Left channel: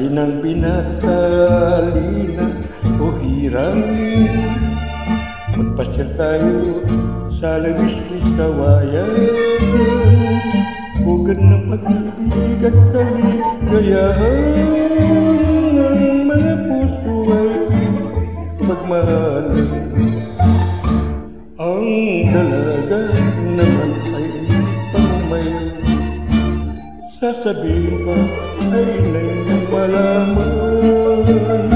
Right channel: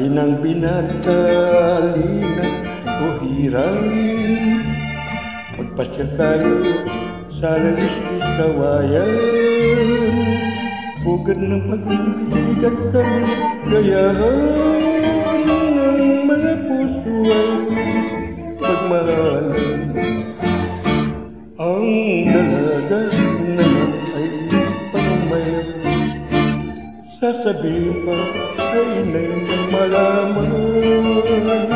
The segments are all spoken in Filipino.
Sabi ng binata, Lina o hirang, magpasyal tayo sa labis-bis kawayan, pugad ng pag-ibig at kaligayahan ng mga puso ay pilit pagmahalan. Ang dalaga naman ay pangumayaw, sasabihin pa ay inay nang malaman.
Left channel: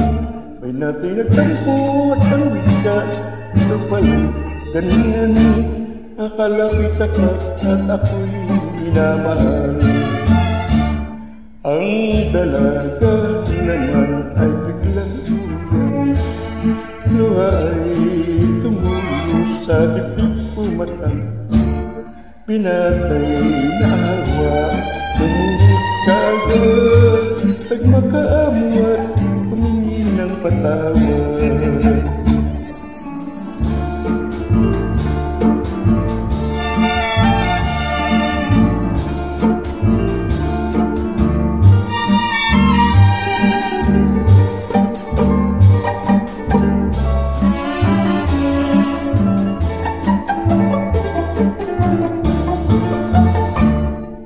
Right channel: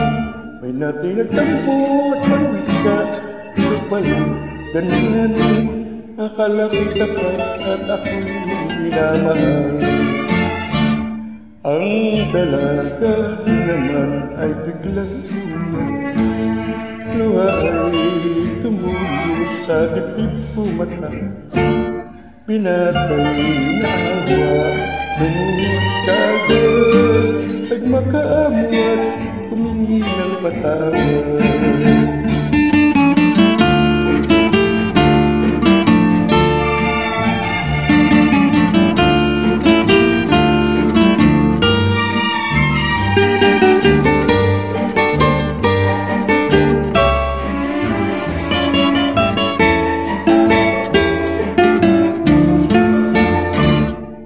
May natin nagtampo at ang wika, ito pala ganyan. Akala kita pa at ako'y minamahal. Ang dalaga naman ay biglang umiyak, luha ay tumulo sa dibdib pumatak. Binatay na awa, lumuhod kaagad, nagmakaamo at humingi ng patawad.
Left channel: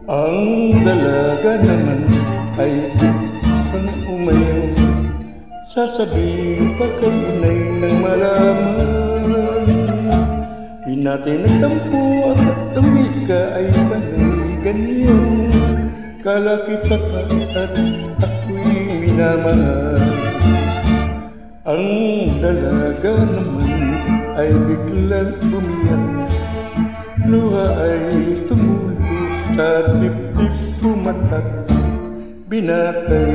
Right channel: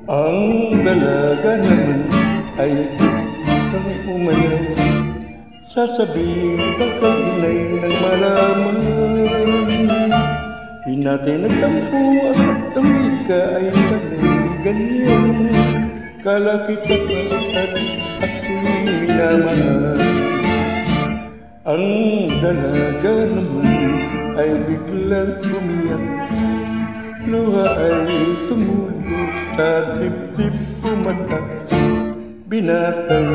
Ang dalaga naman ay biglang umayaw, sasabihin pa kay inay nang malaman. Di natin nagtampo at ang wika ay panay ganyan. Kala kita pa at ako'y minamahal. Ang dalaga naman ay biglang umiyak, luha ay tumulo sa dibdib pumatak. Binatay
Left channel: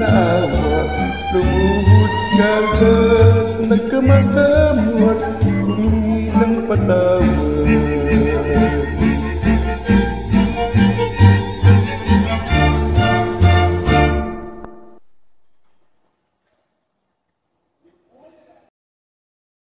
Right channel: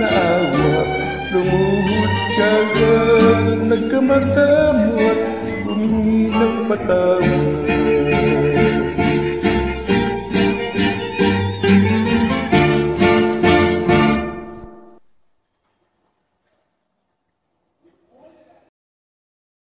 na awa, lumuhod kaagad, nagkamatamo at humingi ng patawad.